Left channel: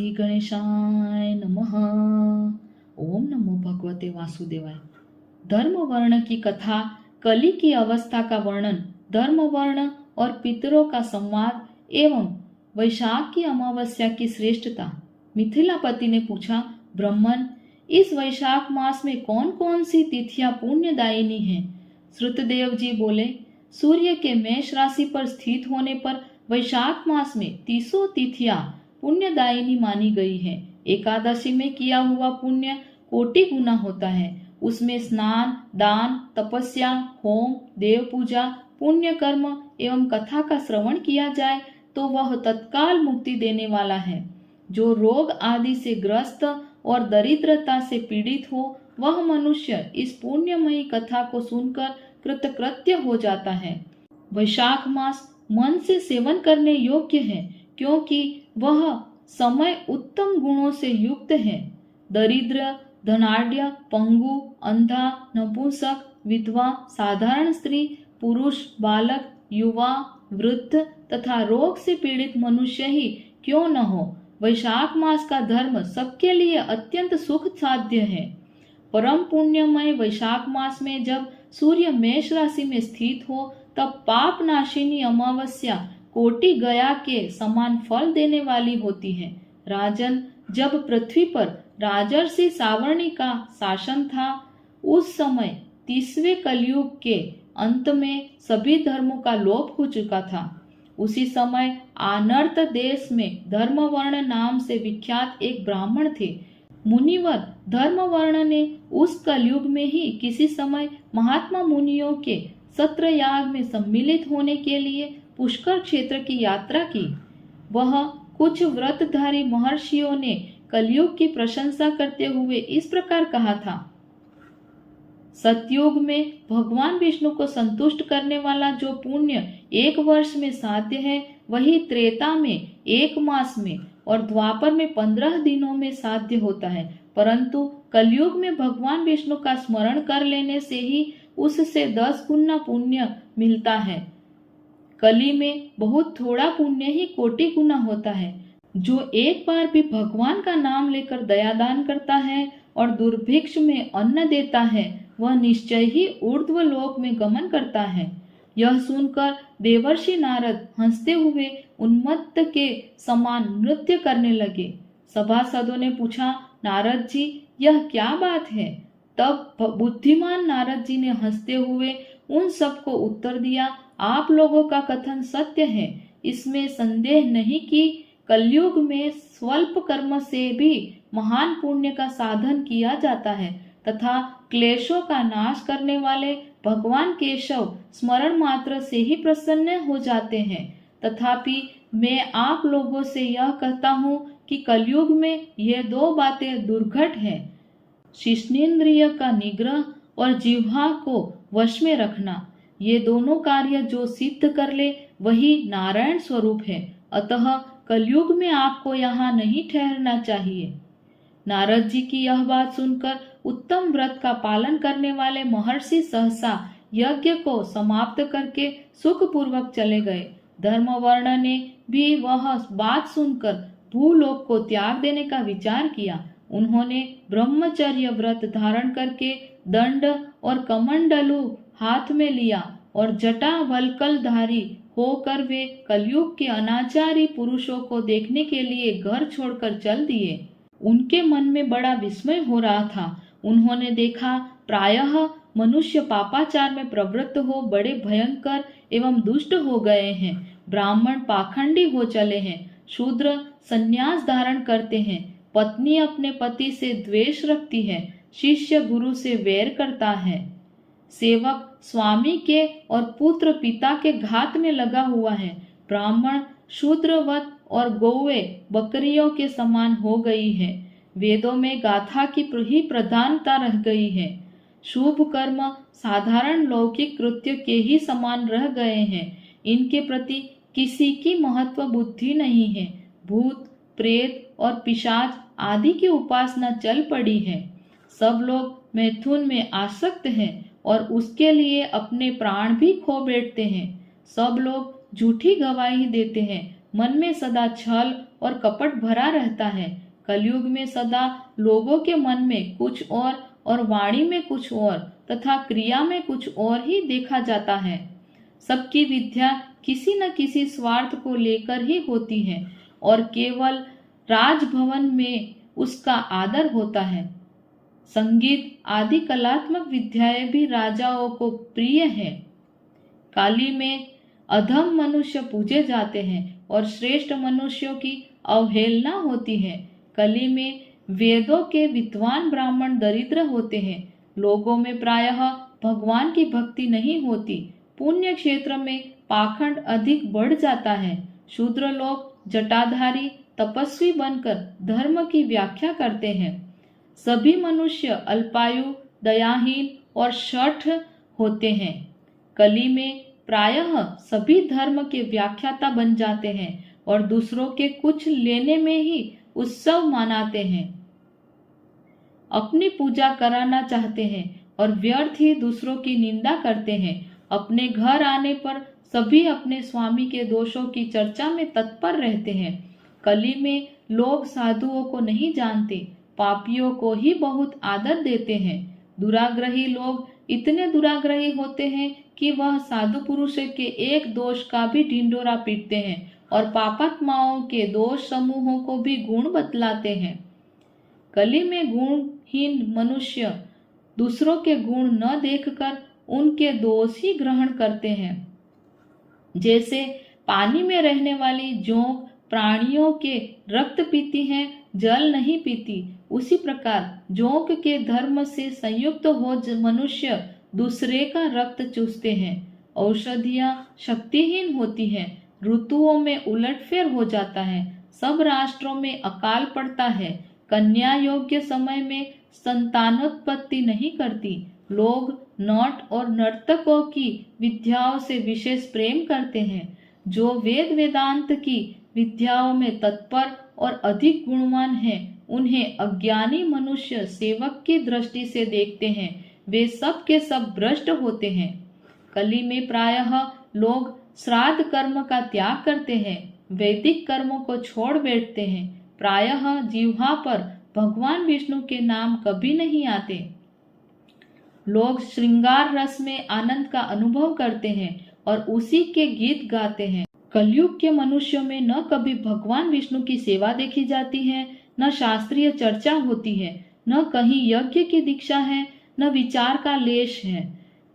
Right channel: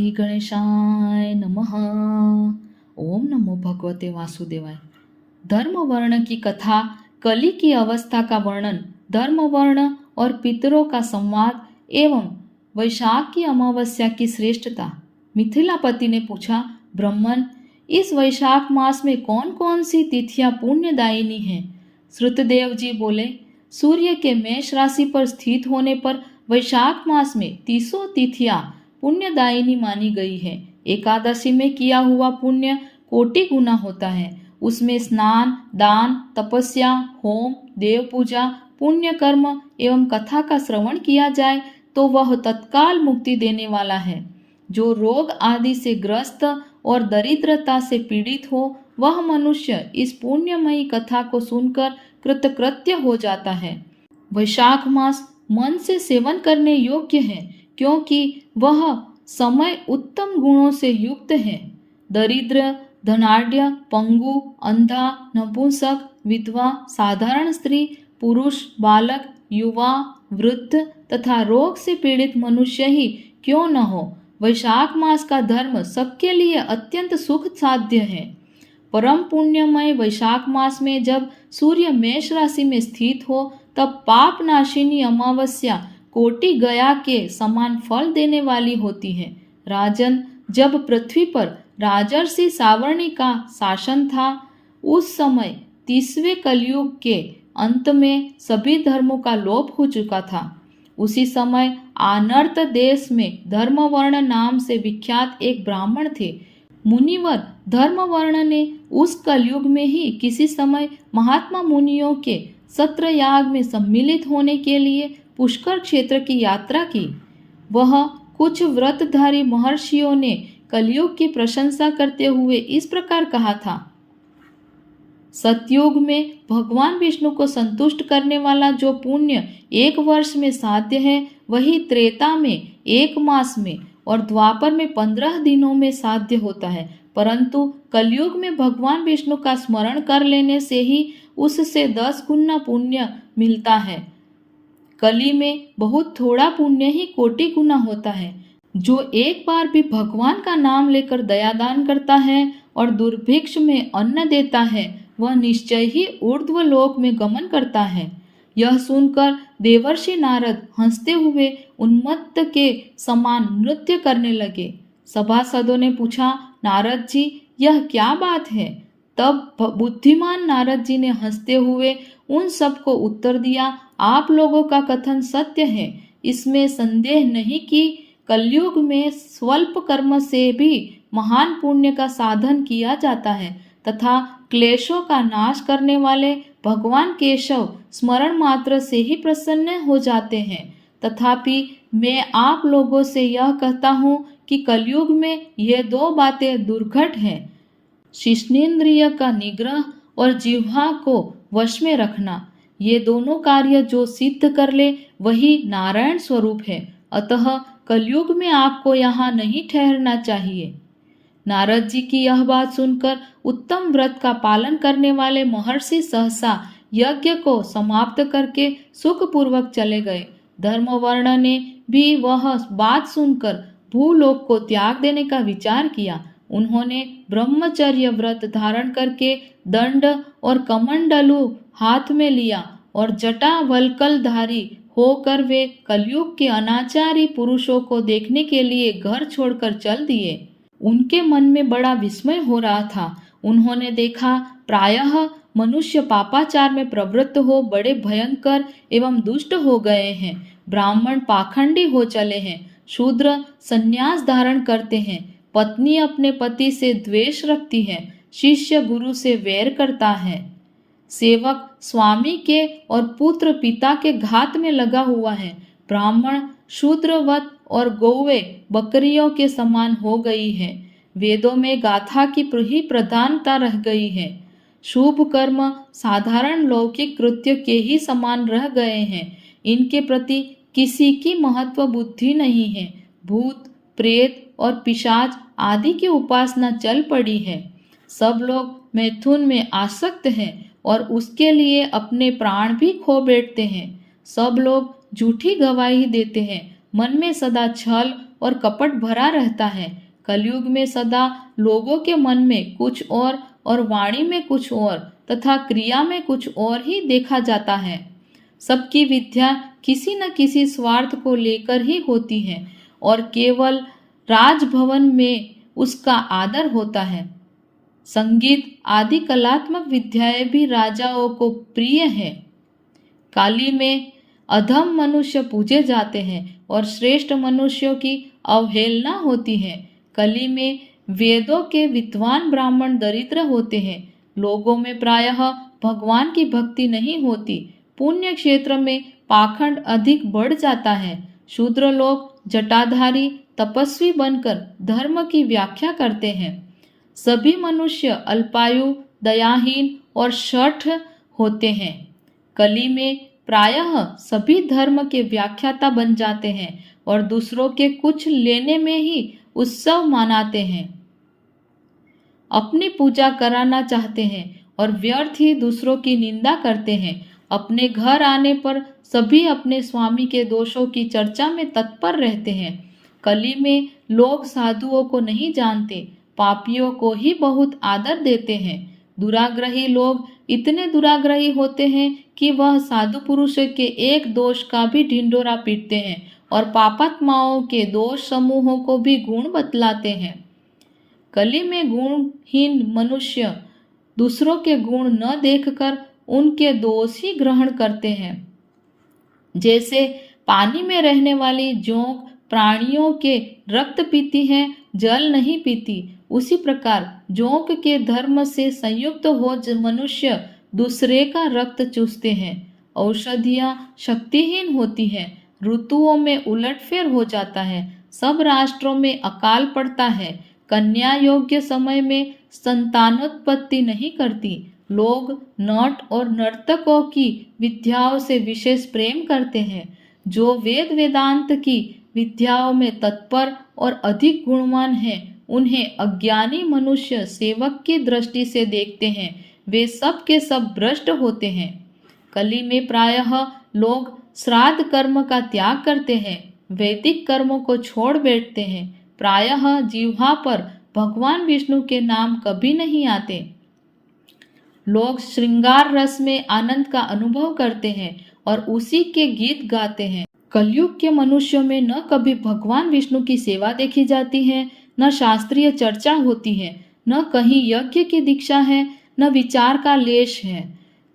श्री गणेशाय नमः। ओम नमो भगवते वासुदेवाय। धर्म वर्ण की कथा। कली की अवस्था का वर्णन, धर्म वर्ण और पितरों का संवाद एवं वैशाख की अमावस्या की श्रेष्ठता। मिथिलापति ने पूछा, ब्राह्मण, इस वैशाख मास में कौन कौन सी तिथियां पुण्यदायिनी हैं? श्रुतदेव जी बोले, सूर्य के मेष राशि पर स्थित होने पर वैशाख मास में 30 तिथियां पुण्यदायिनी मानी गई है। एकादशी में किया हुआ पुण्य कोटि गुना होता है। उसमें स्नान, दान, तपस्या, होम, देव पूजा, पुण्य कर्म एवं कथा का श्रवण किया जाए तो वह तत्काल मुक्ति देने वाला है। जो रोग आदि से ग्रस्त और दरिद्रता से पीड़ित हो, वह मनुष्य इस पुण्यमयी कथा को सुनकर कृतकृत्य हो जाता है। वैशाख मास मन से सेवन करने योग्य है, क्योंकि वह समय उत्तम गुणों से युक्त है। दरिद्र, धनाढ्य, पंगु, अंधा, नपुंसक, विधवा, साधारण स्त्री, पुरुष, बालक, युवा, वृद्ध तथा रोग से पीड़ित मनुष्य ही क्यों न हो, वैशाख मास का धर्म सबके लिए अत्यंत सुख साध्य है। परम पुण्यमय वैशाख मास में जब सूर्य मेष राशि में स्थित हो, तब पाप नाशिनी अमावस्या कोटि गया के समान फल देने वाली होती है। राजन, जब पृथ्वी पर राजर्षि सावर्णी का शासन था, उस समय 30वें कलयुग के अंत में सभी धर्मों का लोप हो चुका था। उसी समय आनर्त देश में धर्मवर्ण नाम से विख्यात एक ब्राह्मण थे। मुनिवर धर्मवर्ण ने उस कलयुग में ही किसी समय महात्मा मुनियों के सत्र याग में सम्मिलित होने के लिए पुष्कर क्षेत्र की यात्रा की। वह कुछ व्रतधारी महर्षियों ने कलयुग की प्रशंसा करते हुए इस प्रकार कहा था, सतयुग में भगवान विष्णु को संतुष्ट करने वाला जो पुण्य 1 वर्ष में साध्य है, वही त्रेता में 1 मास में और द्वापर में 15 दिनों में साध्य होता है। परंतु कलयुग में भगवान विष्णु का स्मरण कर लेने से ही उससे 10 गुना पुण्य मिलता है। कली में बहुत थोड़ा पुण्य ही कोटि गुना होता है। जो एक बार भी भगवान का नाम लेकर दयादान करता है और दुर्भिक्ष में अन्न देता है, वह निश्चय ही ऊर्ध्व लोक में गमन करता है। यह सुनकर देवर्षि नारद हंसते हुए उन्मत्त के समान नृत्य करने लगे। सभासदों ने पूछा, नारद जी, यह क्या बात है? तब बुद्धिमान नारद जी ने हंसते हुए उन सबको उत्तर दिया, आप लोगों का कथन सत्य है। इसमें संदेह नहीं कि कलयुग में स्वल्प कर्म से भी महान पुण्य का साधन किया जाता है तथा क्लेशों का नाश करने वाले भगवान केशव स्मरण मात्र से ही प्रसन्न हो जाते हैं। तथापि मैं आप लोगों से यह कहता हूँ कि कलयुग में ये 2 बातें दुर्घट हैं। शिश्नेन्द्रिय का निग्रह और जिह्वा को वश में रखना। ये दोनों कार्य जो सिद्ध कर ले, वही नारायण स्वरूप है। अतः कलयुग में आपको यहाँ नहीं ठहरना चाहिए। नारद जी की यह बात सुनकर उत्तम व्रत का पालन करने वाले महर्षि सहसा यज्ञ को समाप्त करके सुखपूर्वक चले गए। धर्मवर्ण ने भी वह बात सुनकर भूलोक को त्याग देने का विचार किया। उन्होंने ब्रह्मचर्य व्रत धारण करके दंड और कमंडलू हाथ में लिया और जटा वल्कलधारी होकर वे कलयुग के अनाचारी पुरुषों को देखने के लिए घर छोड़कर चल दिए। उनके मन में बड़ा विस्मय हो रहा था। उन्होंने देखा, प्रायः मनुष्य पापाचार में प्रवृत्त हो बड़े भयंकर एवं दुष्ट हो गए हैं। ब्राह्मण पाखंडी हो चले हैं, शूद्र संन्यास धारण करते हैं, पत्नी अपने पति से द्वेष रखती है, शिष्य गुरु से वैर करता है, सेवक स्वामी के और पुत्र पिता के घात में लगा हुआ है। ब्राह्मण शूद्रवत और गौवे बकरियों के समान हो गई है। वेदों में गाथा की ही प्रधानता रह गई है। शुभ कर्म साधारण लौकिक कृत्य के ही समान रह गए हैं। इनके प्रति किसी की महत्व बुद्धि नहीं है। भूत, प्रेत और पिशाच आदि की उपासना चल पड़ी है। सब लोग मैथुन में आसक्त हैं और उसके लिए अपने प्राण भी खो बैठते हैं। सब लोग झूठी गवाही देते हैं। मन में सदा छल और कपट भरा रहता है। कलयुग में सदा लोगों के मन में कुछ और वाणी में कुछ और तथा क्रिया में कुछ और ही देखा जाता है। सबकी विद्या किसी न किसी स्वार्थ को लेकर ही होती है और केवल राजभवन में उसका आदर होता है। संगीत आदि कलात्मक विद्याएं भी राजाओं को प्रिय है। काली में अधम मनुष्य पूजे जाते हैं और श्रेष्ठ मनुष्यों की अवहेलना होती है। कली में वेदों के विद्वान ब्राह्मण दरिद्र होते हैं। लोगों में प्रायः भगवान की भक्ति नहीं होती। पुण्य क्षेत्र में पाखंड अधिक बढ़ जाता है। शूद्र लोग जटाधारी तपस्वी बनकर धर्म की व्याख्या करते हैं। सभी मनुष्य अल्पायु, दयाहीन और शठ होते हैं। कली में प्रायः सभी धर्म के व्याख्याता बन जाते हैं और दूसरों के कुछ लेने में ही उत्सव मनाते हैं। अपनी पूजा कराना चाहते हैं और व्यर्थ ही दूसरों की निंदा करते हैं। अपने घर आने पर सभी अपने स्वामी के दोषों की चर्चा में तत्पर रहते हैं। कली में लोग साधुओं को नहीं जानते, पापियों को ही बहुत आदर देते हैं। दुराग्रही लोग इतने दुराग्रही होते हैं कि वह साधु पुरुष के एक दोष का भी ढिंढोरा पीटते हैं और पापात्माओं के दोष समूहों को भी गुण बतलाते हैं। कली में गुणहीन मनुष्य दूसरों के गुण न देखकर उनके दोष ही ग्रहण करते हैं। जैसे पानी में रहने वाली जोंक प्राणियों के रक्त पीती है, जल नहीं पीती, उसी प्रकार जोंक के धर्म से संयुक्त हो मनुष्य दूसरे का रक्त चूसते हैं। औषधियाँ शक्तिहीन होती हैं, ऋतुओं में उलटफेर हो जाता है, सब राष्ट्रों में अकाल पड़ता है, कन्या योग्य समय में संतानोत्पत्ति नहीं करती। लोग नट और नर्तकों की विद्याओं से विशेष प्रेम करते हैं। जो वेद वेदांत की विद्याओं में तत्पर और अधिक गुणवान हैं, उन्हें अज्ञानी मनुष्य सेवक की दृष्टि से देखते हैं। वे सब के सब भ्रष्ट होते हैं। कली में प्रायः लोग श्राद्ध कर्म का त्याग करते हैं, वैदिक कर्मों को छोड़ बैठते हैं। प्रायः जिह्वा पर भगवान विष्णु के नाम कभी नहीं आते। लोग श्रृंगार रस में आनंद का अनुभव करते हैं और उसी के गीत गाते हैं। कलयुग के मनुष्यों में न कभी भगवान विष्णु की सेवा देखी जाती है, न शास्त्रीय चर्चा होती है, न कहीं यज्ञ की दीक्षा है, न विचार का लेश है,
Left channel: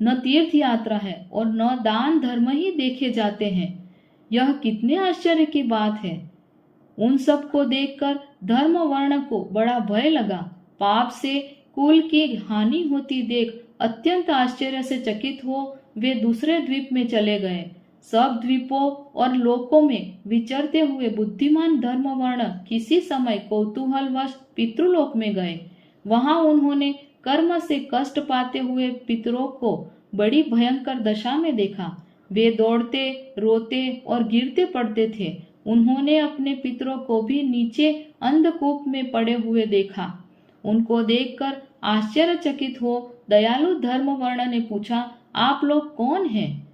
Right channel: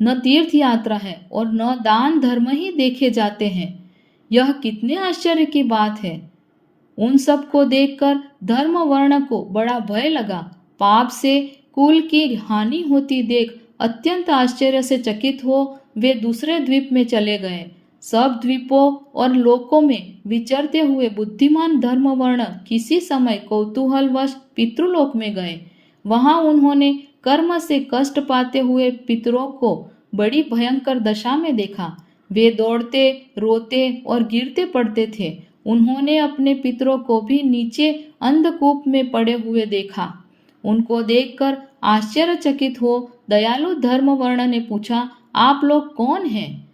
न तीर्थ यात्रा है और न दान धर्म ही देखे जाते हैं। यह कितने आश्चर्य की बात है। उन सब को देखकर धर्म वर्ण को बड़ा भय लगा। पाप से कुल की हानि होती देख अत्यंत आश्चर्य से चकित हो वे दूसरे द्वीप में चले गए। सब द्वीपों और लोकों में विचरते हुए बुद्धिमान धर्म वर्ण किसी समय कौतूहलवश पितृलोक में गए। वहां उन्होंने कर्म से कष्ट पाते हुए पितरों को बड़ी भयंकर दशा में देखा। वे दौड़ते, रोते और गिरते पड़ते थे। उन्होंने अपने पितरों को भी नीचे अंधकूप में पड़े हुए देखा। उनको देखकर आश्चर्यचकित हो दयालु धर्म वर्ण ने पूछा, आप लोग कौन हैं?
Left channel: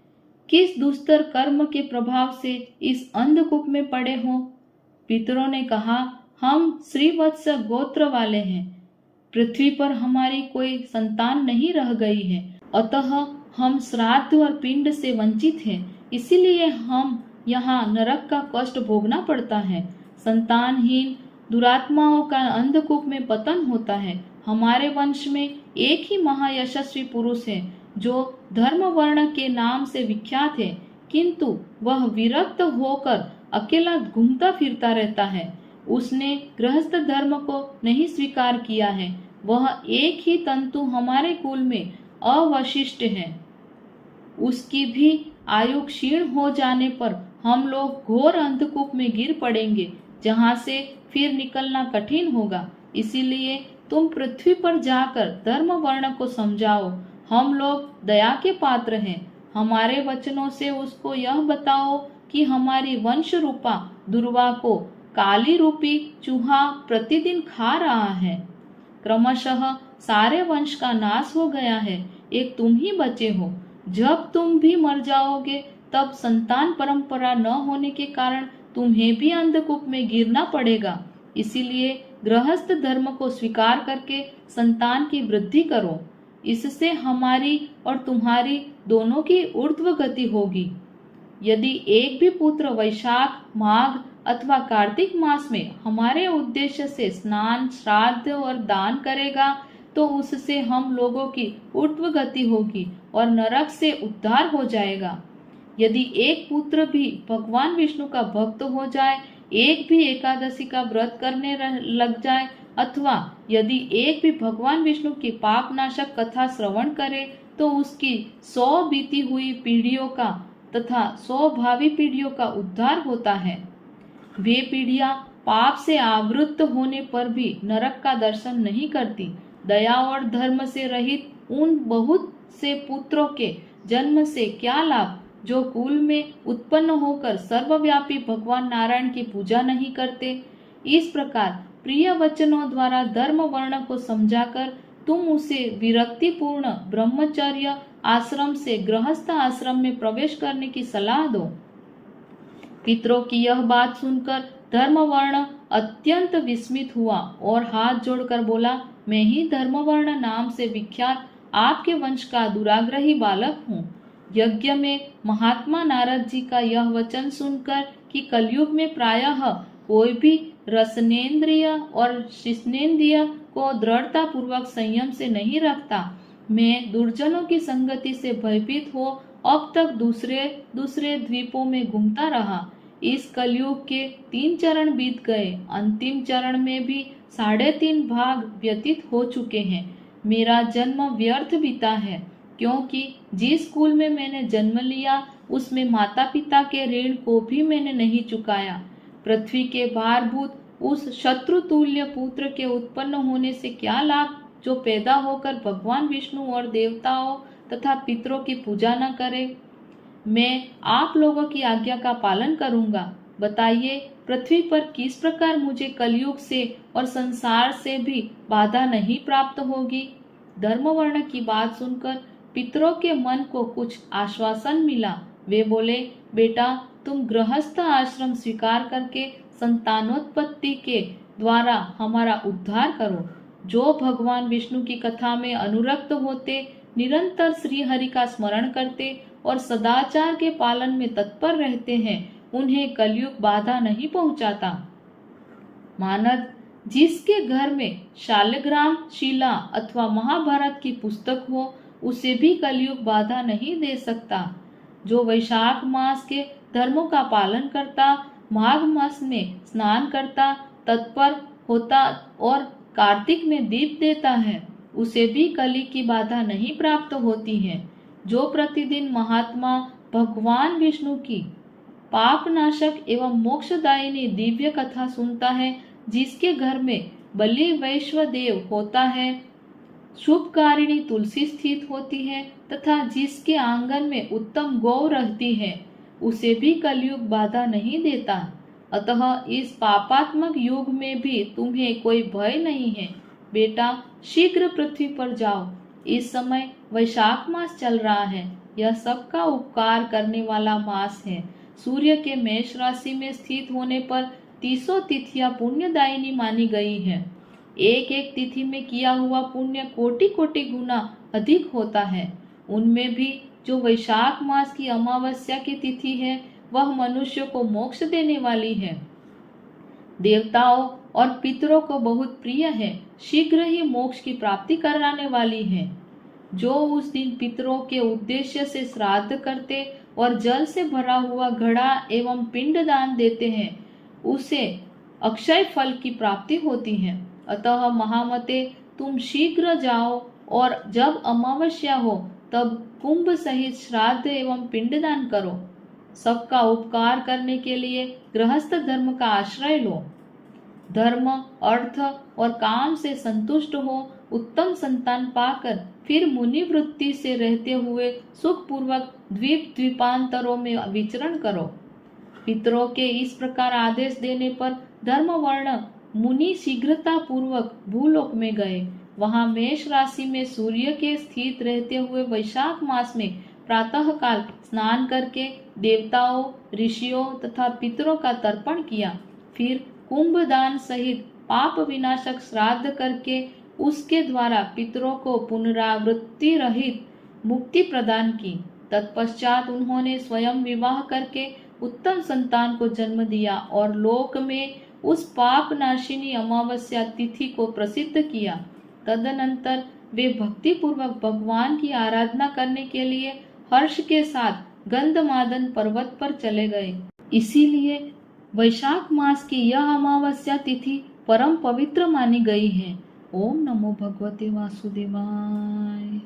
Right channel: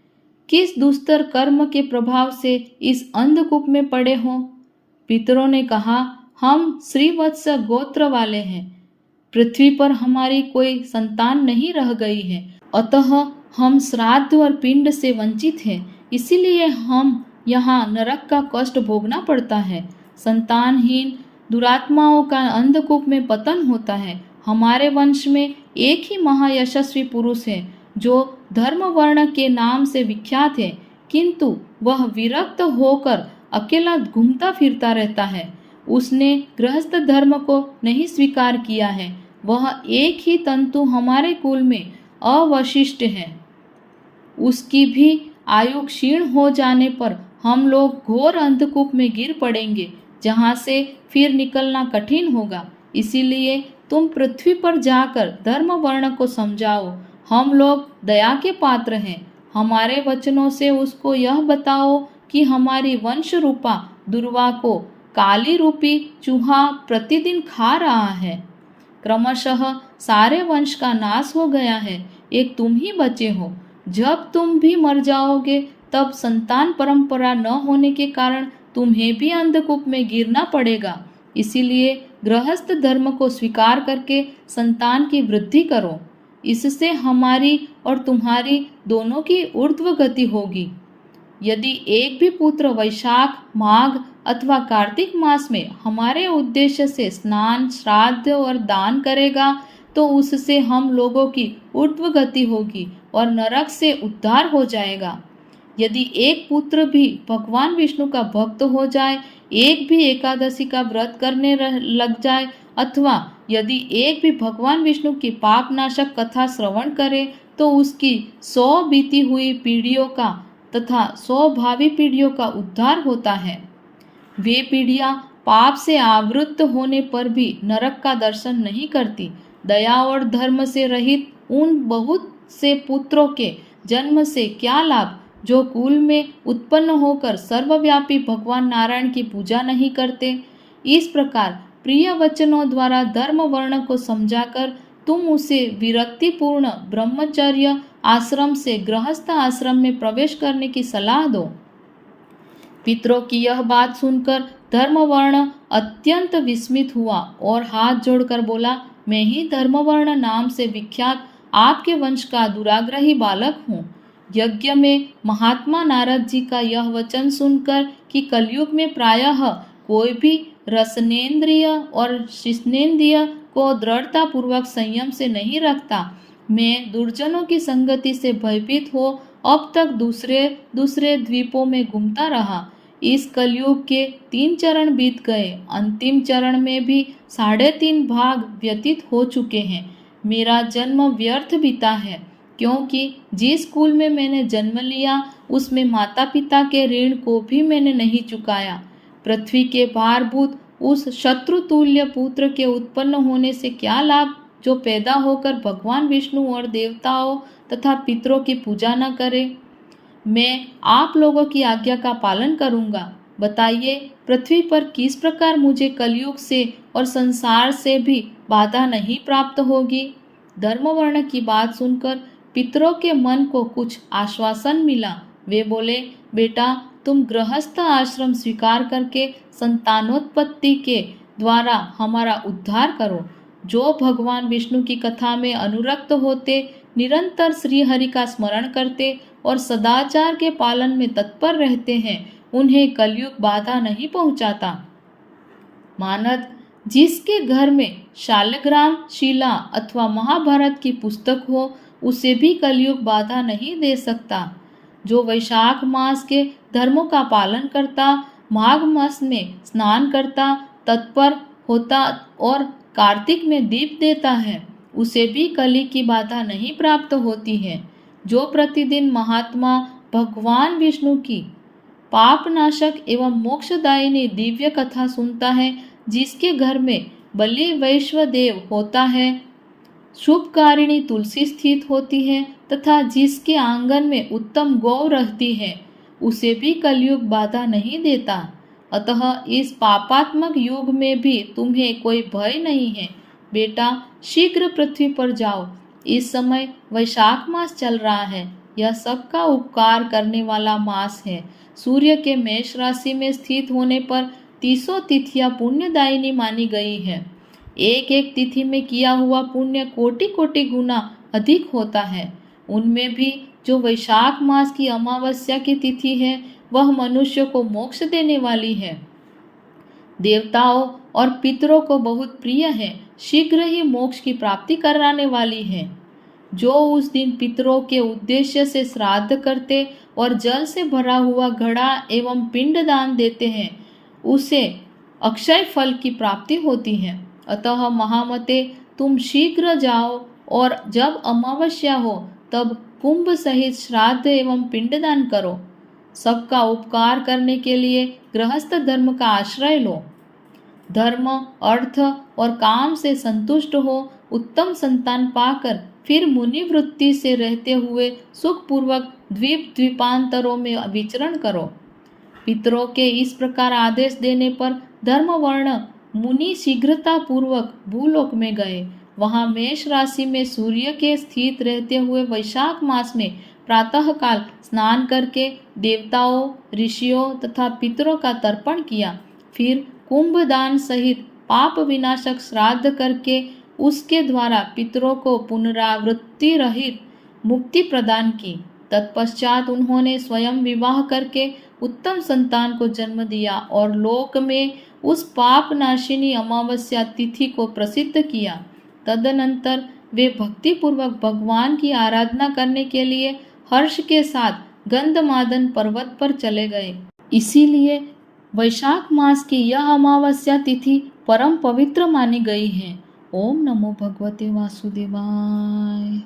किस दुस्तर कर्म के प्रभाव से इस अंधकूप में पड़े हो? पितरों ने कहा, हम श्रीवत्स गोत्र वाले हैं। पृथ्वी पर हमारी कोई संतान नहीं रह गई है, अतः हम श्राद्ध और पिंड से वंचित हैं। इसीलिए हम यहाँ नरक का कष्ट भोगना पड़ता है। संतानहीन दुरात्माओं का अंधकूप में पतन होता है। हमारे वंश में एक ही महायशस्वी पुरुष है जो धर्म वर्ण के नाम से विख्यात है, किंतु वह विरक्त होकर अकेला घूमता फिरता रहता है। उसने गृहस्थ धर्म को नहीं स्वीकार किया है। वह एक ही तंतु हमारे कुल में अवशिष्ट है। उसकी भी आयु क्षीण हो जाने पर हम लोग घोर अंधकूप में गिर पड़ेंगे, जहाँ से फिर निकलना कठिन होगा। इसीलिए तुम पृथ्वी पर जाकर धर्म वर्ण को समझाओ। हम लोग दया के पात्र हैं। हमारे वचनों से उसको यह बताओ कि हमारी वंश रूपा दुर्वा को काली रूपी चूहा प्रतिदिन खा रहा है। क्रमशः सारे वंश का नाश हो गया है, एक तुम ही बचे हो। जब तुम भी मर जाओगे तब संतान परंपरा न होने के कारण तुम्हें भी अंधकूप में गिरना पड़ेगा। इसीलिए गृहस्थ धर्म को स्वीकार करके संतान की वृद्धि करो। इससे हमारी और तुम्हारी दोनों की ऊर्ध्व गति होगी। यदि एक भी पुत्र वैशाख, माघ अथवा कार्तिक मास में हमारे उद्देश्य से स्नान, श्राद्ध और दान करेगा तो उससे हम लोगों की ऊर्ध्व गति होगी और नरक से उद्धार हो जाएगा। यदि एक पुत्र भी भगवान विष्णु का भक्त हो जाए, एक भी एकादशी का व्रत करने लग जाए अथवा यदि एक भी भगवान विष्णु की पाप नाशक कथा श्रवण करे तो उसकी 100 बीती हुई पीढ़ियों का तथा 100 भावी पीढ़ियों का उद्धार होता है। वे पीढ़ियां पाप से आवृत्त होने पर भी नरक का दर्शन नहीं करती। दया और धर्म से रहित उन बहुत से पुत्रों के जन्म से क्या लाभ जो कुल में उत्पन्न होकर सर्वव्यापी भगवान नारायण की पूजा नहीं करते। इस प्रकार प्रिय वचनों द्वारा धर्म वर्ण को समझाकर तुम उसे विरक्तिपूर्ण ब्रह्मचर्य आश्रम से गृहस्थ आश्रम में प्रवेश करने की सलाह दो। पितरों की यह बात सुनकर धर्मवर्ण अत्यंत विस्मित हुआ और हाथ जोड़कर बोला, मैं ही धर्मवर्ण नाम से विख्यात आपके वंश का दुराग्रही बालक हूँ। यज्ञ में महात्मा नारद जी का यह वचन सुनकर कि कलयुग में प्रायः कोई भी रसनेन्द्रिय और शिष्णेन्द्रिय को दृढ़ता पूर्वक संयम से नहीं रखता, मैं दुर्जनों की संगति से भयभीत हो अब तक दूसरे दूसरे द्वीपों में घूमता रहा। इस कलयुग के 3 चरण बीत गए। अंतिम चरण में भी 3.5 भाग व्यतीत हो चुके हैं। मेरा जन्म व्यर्थ बीता है, क्योंकि जिस कुल में मैंने जन्म लिया उसमें माता पिता के ऋण को भी मैंने नहीं चुकाया। पृथ्वी के भारभूत उस शत्रुतुल्य पुत्र के उत्पन्न होने से क्या लाभ जो पैदा होकर भगवान विष्णु और देवताओं तथा पितरों की पूजा न करे। मैं आप लोगों की आज्ञा का पालन करूंगा। बताइए, पृथ्वी पर किस प्रकार मुझे कलयुग से और संसार से भी बाधा नहीं प्राप्त होगी। धर्मवर्ण की बात सुनकर पितरों के मन को कुछ आश्वासन मिला। वे बोले, बेटा, तुम गृहस्थ आश्रम स्वीकार करके संतानोत्पत्ति के द्वारा हमारा उद्धार करो। जो भगवान विष्णु की कथा में अनुरक्त होते, निरंतर श्री हरि का स्मरण करते और सदाचार के पालन में तत्पर रहते हैं, उन्हें कलयुग बाधा नहीं पहुंचाता। मानद, जिसके घर में शालग्राम शिला अथवा महाभारत की पुस्तक हो, उसे भी कलयुग बाधा नहीं दे सकता। जो वैशाख मास के धर्मों का पालन करता, माघ मास में स्नान करता, तत्पर होता और कार्तिक में दीप देता है, उसे भी कली की बाधा नहीं प्राप्त होती है। जो प्रतिदिन महात्मा भगवान विष्णु की पापनाशक एवं मोक्षदायिनी दिव्य कथा सुनता है, जिसके घर में बलि वैश्वदेव होता है, शुभकारिणी तुलसी स्थित होती है तथा जिसके आंगन में उत्तम गौ रहती है, उसे भी कलयुग बाधा नहीं देता। अतः इस पापात्मक युग में भी तुम्हें कोई भय नहीं है। बेटा, शीघ्र पृथ्वी पर जाओ। इस समय वैशाख मास चल रहा है। यह सबका उपकार करने वाला मास है। सूर्य के मेष राशि में स्थित होने पर 30 तिथियां पुण्यदायिनी मानी गई है। एक एक तिथि में किया हुआ पुण्य कोटि कोटि गुना अधिक होता है। उनमें भी जो वैशाख मास की अमावस्या की तिथि है, वह मनुष्य को मोक्ष देने वाली है, देवताओं और पितरों को बहुत प्रिय है, शीघ्र ही मोक्ष की प्राप्ति कराने वाली है। जो उस दिन पितरों के उद्देश्य से श्राद्ध करते और जल से भरा हुआ घड़ा एवं पिंड दान देते हैं, उसे अक्षय फल की प्राप्ति होती है। अतः महामते, तुम शीघ्र जाओ और जब अमावस्या हो तब कुंभ सहित श्राद्ध एवं पिंडदान करो। सबका उपकार करने के लिए गृहस्थ धर्म का आश्रय लो। धर्म, अर्थ और काम से संतुष्ट हो उत्तम संतान पाकर फिर मुनि वृत्ति से रहते हुए सुखपूर्वक द्वीप द्वीपांतरों में विचरण करो। पितरों के इस प्रकार आदेश देने पर धर्मवर्ण मुनि शीघ्रता पूर्वक भूलोक में गए। वहां मेष राशि में सूर्य के स्थित रहते हुए वैशाख मास में प्रातःकाल स्नान करके देवताओं, ऋषियों तथा पितरों का तर्पण किया। फिर कुंभदान सहित पाप विनाशक श्राद्ध करके उसके द्वारा पितरों को पुनरावृत्ति रहित मुक्ति प्रदान की। तत्पश्चात उन्होंने स्वयं विवाह करके उत्तम संतान को जन्म दिया और लोक में उस पाप नाशिनी अमावस्या तिथि को प्रसिद्ध किया। तदनंतर वे भक्तिपूर्वक भगवान की आराधना करने के लिए हर्ष के साथ गंधमादन पर्वत पर चले गए। इसीलिए वैशाख मास की यह अमावस्या तिथि परम पवित्र मानी गई है। ओम नमो भगवते वासुदेवाय।